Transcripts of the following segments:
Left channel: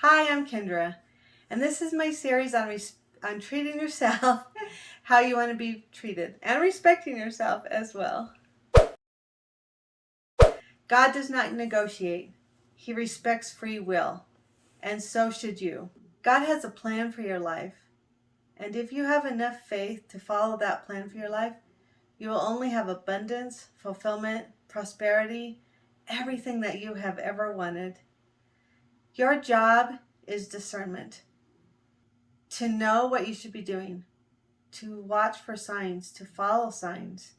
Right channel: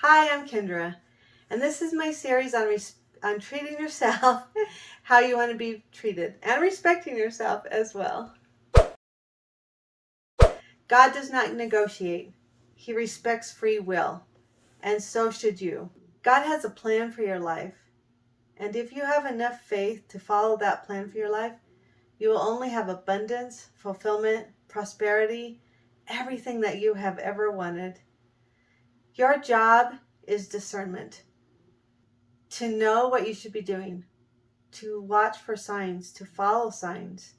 Hi, I'm Kendra, and this is my series on treating yourself how you want to be treated and respecting yourself as well. God does not negotiate. He respects free will, and so should you. God has a plan for your life, and if you have enough faith to follow that plan for your life, you will only have abundance, fulfillment, prosperity, everything that you have ever wanted. Your job is discernment. To know what you should be doing, to watch for signs, to follow signs,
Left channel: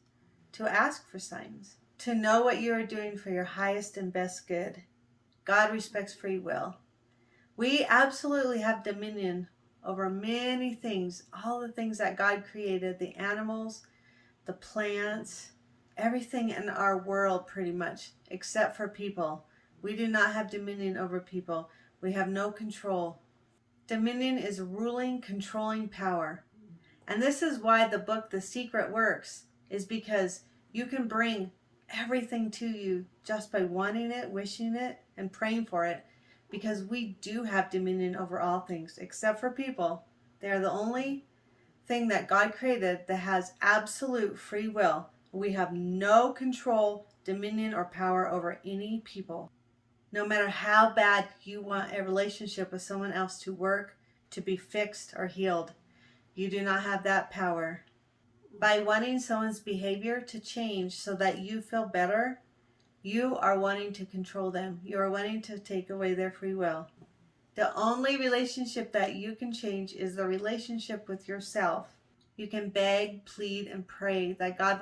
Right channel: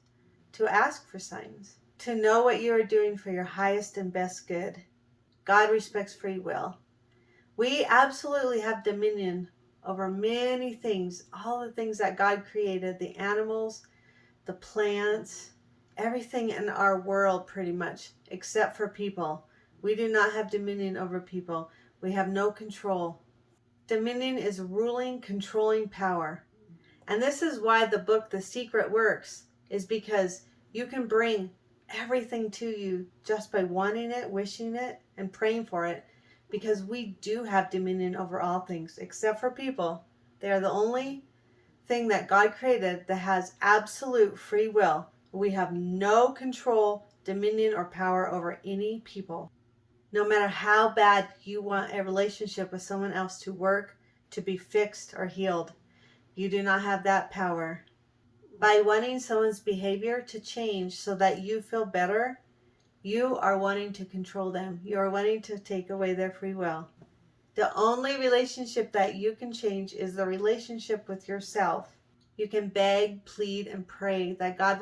to ask for signs, to know what you are doing for your highest and best good. God respects free will. We absolutely have dominion over many things, all the things that God created, the animals, the plants, everything in our world pretty much, except for people. We do not have dominion over people. We have no control. Dominion is ruling, controlling power. And this is why the book The Secret works, is because you can bring everything to you just by wanting it, wishing it, and praying for it, because we do have dominion over all things except for people. They are the only thing that God created that has absolute free will. We have no control, dominion, or power over any people. No matter how bad you want a relationship with someone else to work, to be fixed, or healed, you do not have that power. By wanting someone's behavior to change so that you feel better, you are wanting to control them. You are wanting to take away their free will. The only relationship that you can change is the relationship with yourself. You can beg, plead, and pray that God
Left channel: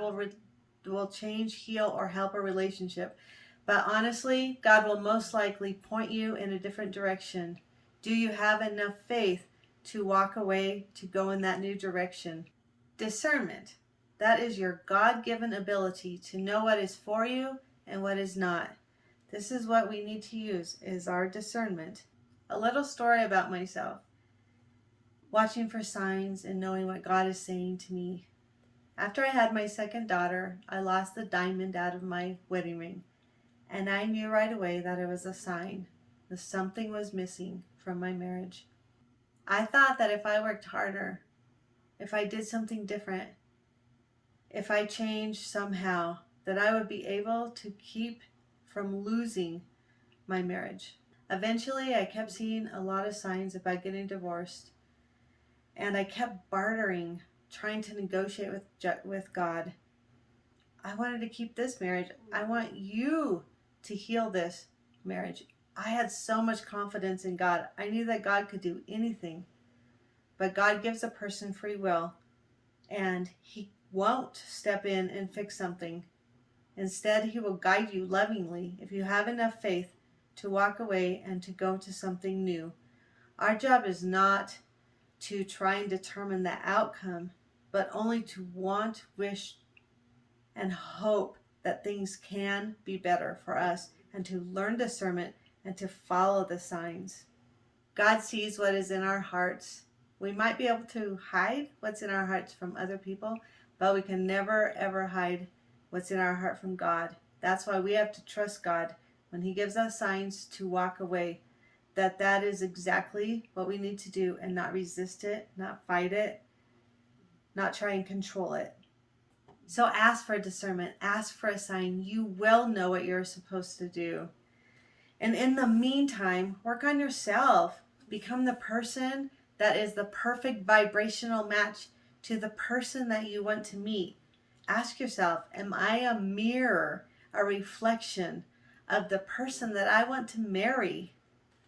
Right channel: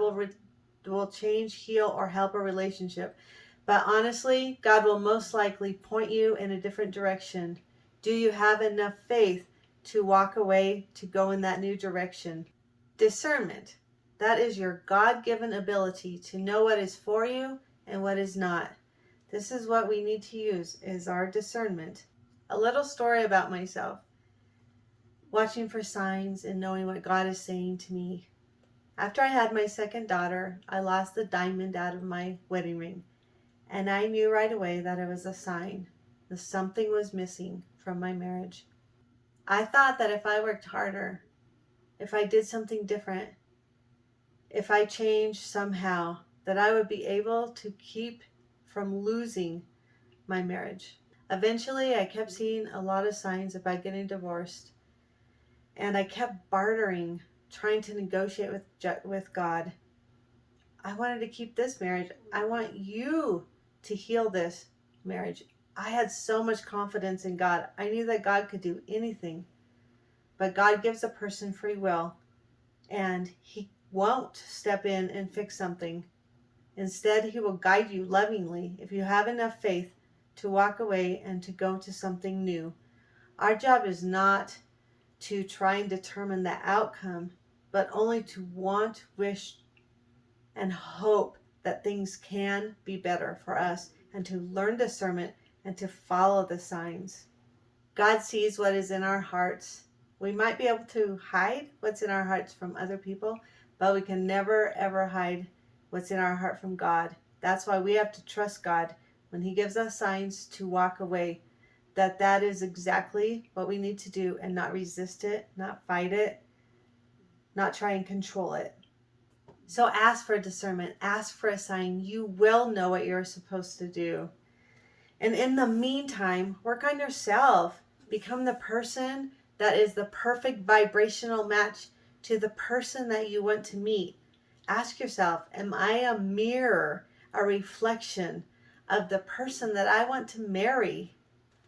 will change, heal, or help a relationship. But honestly, God will most likely point you in a different direction. Do you have enough faith to walk away, to go in that new direction? Discernment. That is your God-given ability to know what is for you and what is not. This is what we need to use, is our discernment. A little story about myself. Watching for signs and knowing what God is saying to me. After I had my second daughter, I lost the diamond out of my wedding ring. And I knew right away that it was a sign that something was missing from my marriage. I thought that if I worked harder, if I did something different, if I changed somehow, that I would be able to keep from losing my marriage. Eventually, I kept seeing a lot of signs about getting divorced, and I kept bartering, trying to negotiate with God. I wanted to keep this marriage. I want you to heal this marriage. I had so much confidence in God. I knew that God could do anything. But God gives a person free will, and He won't step in and fix something. Instead, He will guide you lovingly if you have enough faith to walk away and to go to something new. Our job is not to try and determine the outcome, but only to want, wish, and hope that things can be better for us, and to learn discernment and to follow the signs. God sees what is in our hearts. We might be able to hide what's in our hearts from other people, but we can never ever hide what's in our heart from God. That's why we have to trust God when He gives us signs to walk away, that is exactly what we need to do, and not resist it, not fight it, not try and control it. So ask for discernment, ask for a sign. You will know what you're supposed to do. And in the meantime, work on yourself. Become the person that is the perfect vibrational match to the person that you want to meet. Ask yourself, am I a mirror, a reflection of the person that I want to marry?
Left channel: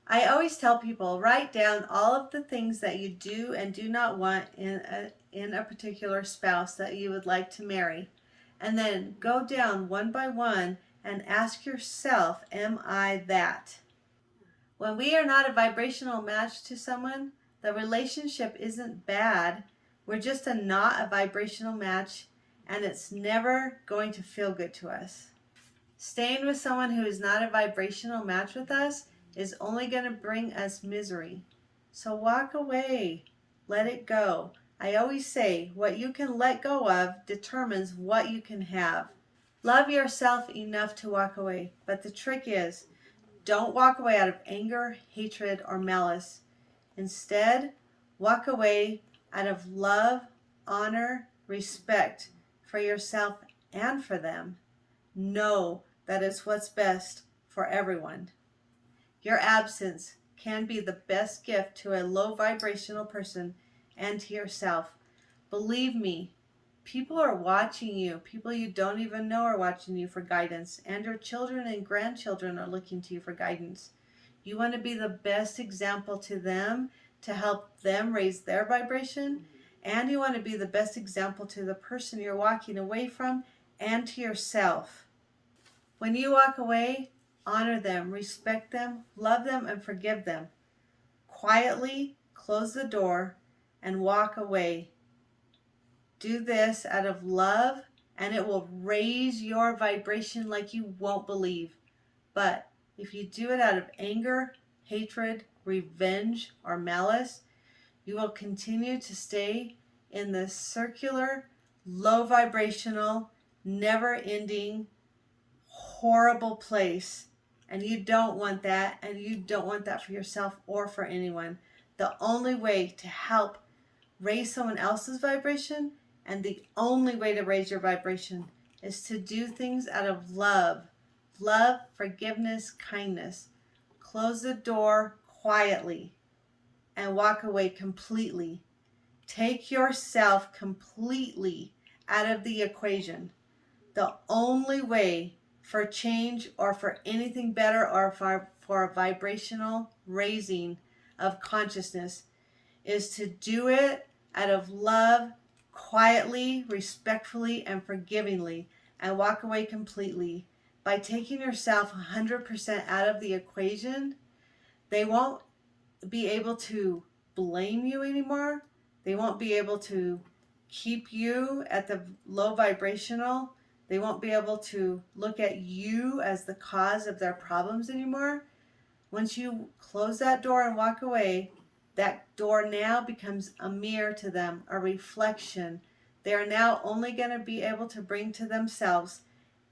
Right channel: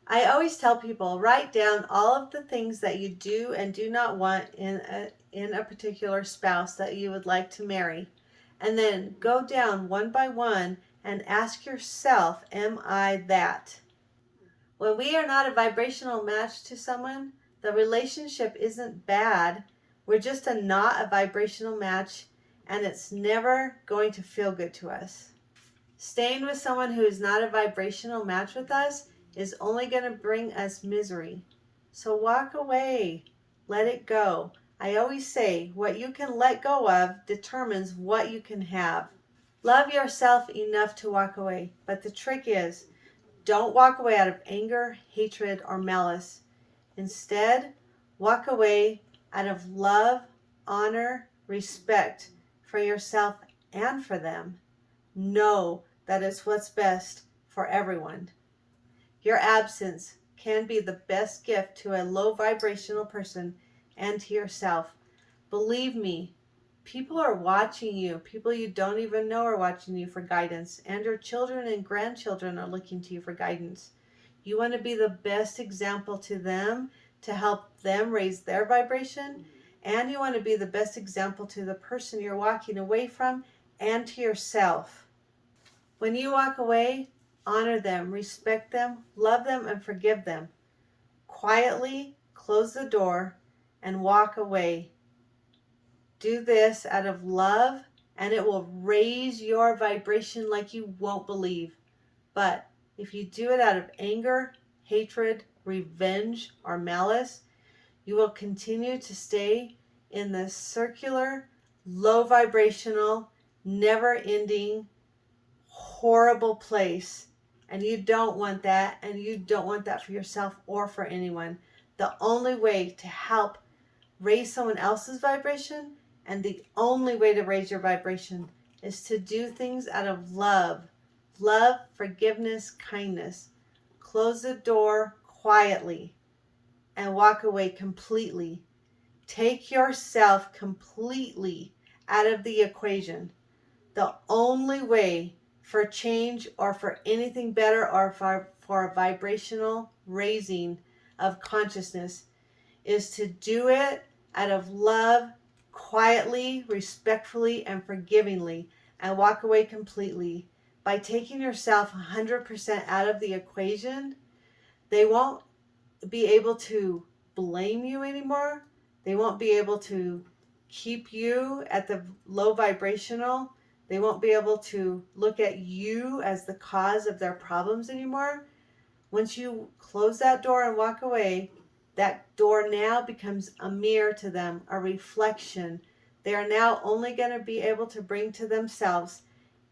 I always tell people, write down all of the things that you do and do not want in a particular spouse that you would like to marry. And then go down one by one and ask yourself, am I that? When we are not a vibrational match to someone, the relationship isn't bad. We're just not a vibrational match, and it's never going to feel good to us. Staying with someone who is not a vibrational match with us is only going to bring us misery. So walk away. Let it go. I always say, what you can let go of determines what you can have. Love yourself enough to walk away. But the trick is, Don't walk away out of anger, hatred, or malice. Instead, walk away out of love, honor, respect for yourself and for them. Know that it's what's best for everyone. Your absence can be the best gift to a low vibrational person and to yourself. Believe me, people are watching you. People you don't even know are watching you for guidance, and your children and grandchildren are looking to you for guidance. You want to be the best example to them to help them raise their vibration, and you want to be the best example to the person you're walking away from and to yourself. When you walk away, honor them, respect them, love them, and forgive them. Quietly close the door and walk away. Do this out of love, and it will raise your vibration like you won't believe. But if you do it out of anger, hatred, revenge, or malice, you will continue to stay in the circular, low vibrational, never ending, horrible place. And you don't want that, and you don't want that for yourself or for anyone. The only way to help raise someone else's vibration, and the only way to raise your vibration, is to do things out of love. Love, forgiveness, kindness. Close the door quietly and walk away completely. Take yourself completely out of the equation. The only way for change or for anything better or for a vibrational raising of consciousness is to do it out of love, quietly, respectfully, and forgivingly, and walk away completely. By taking yourself 100% out of the equation, they won't be able to blame you anymore. They won't be able to keep you at the low vibrational. They won't be able to look at you as the cause of their problems anymore. Once you close that door and walk away, that door now becomes a mirror to them, a reflection. They are now only going to be able to bring to themselves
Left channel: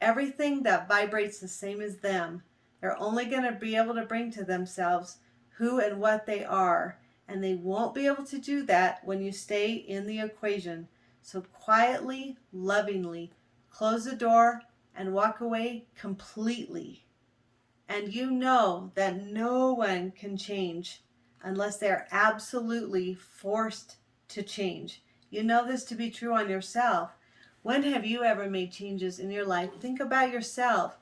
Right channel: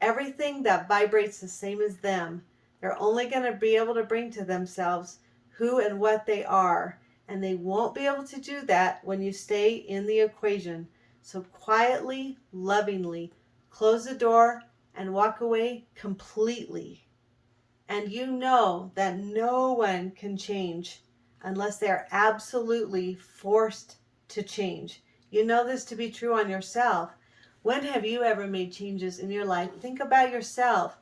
everything that vibrates the same as them. They're only going to be able to bring to themselves who and what they are. And they won't be able to do that when you stay in the equation. So quietly, lovingly, close the door and walk away completely. And you know that no one can change unless they're absolutely forced to change. You know this to be true on yourself. When have you ever made changes in your life? Think about yourself.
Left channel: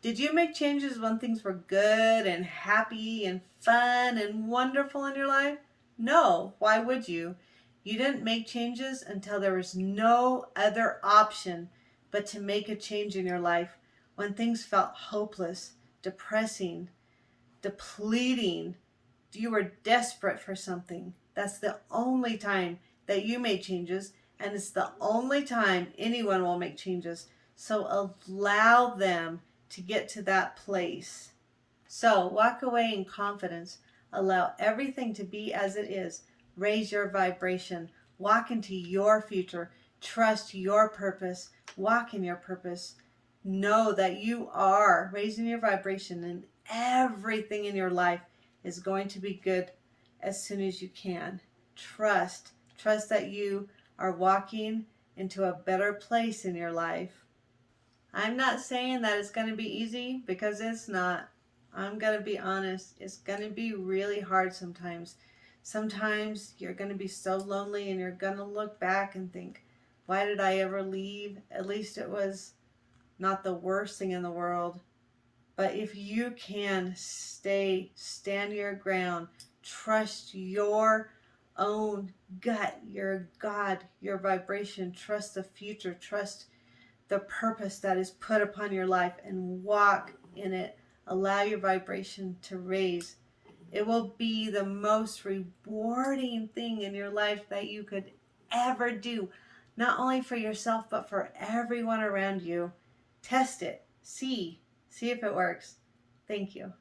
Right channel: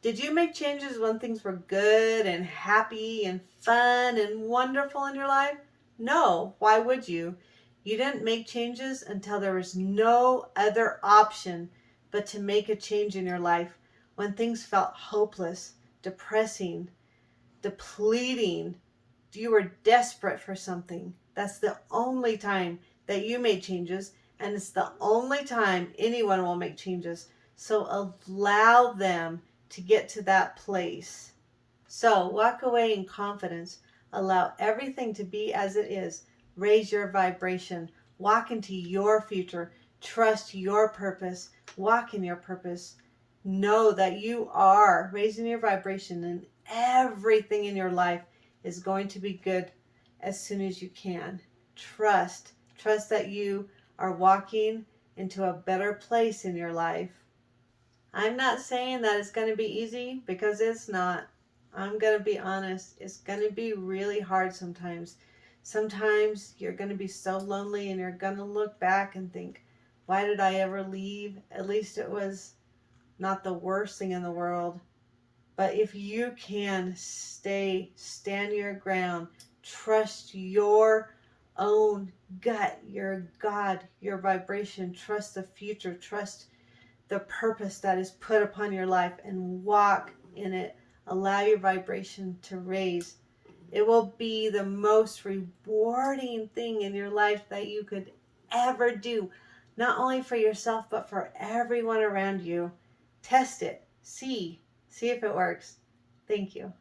Did you make changes when things were good and happy and fun and wonderful in your life? No. Why would you? You didn't make changes until there was no other option but to make a change in your life when things felt hopeless, depressing, depleting. You were desperate for something. That's the only time that you made changes, and it's the only time anyone will make changes. So allow them to get to that place. So walk away in confidence. Allow everything to be as it is. Raise your vibration. Walk into your future. Trust your purpose. Walk in your purpose. Know that you are raising your vibration, and everything in your life is going to be good as soon as you can. Trust that you are walking into a better place in your life. I'm not saying that it's going to be easy, because it's not. I'm going to be honest. It's going to be really hard sometimes. Sometimes you're going to be so lonely, and you're going to look back and think, why did I ever leave? At least it was not the worst thing in the world. But if you can stand your ground, trust your own gut, your God, your vibration, trust the future, trust the purpose that is put upon your life, and walk in it. Allow your vibration to raise. It will be the most rewarding thing in your life that you could ever do, not only for yourself, but for everyone around you. Test it. See if it works. Thank you.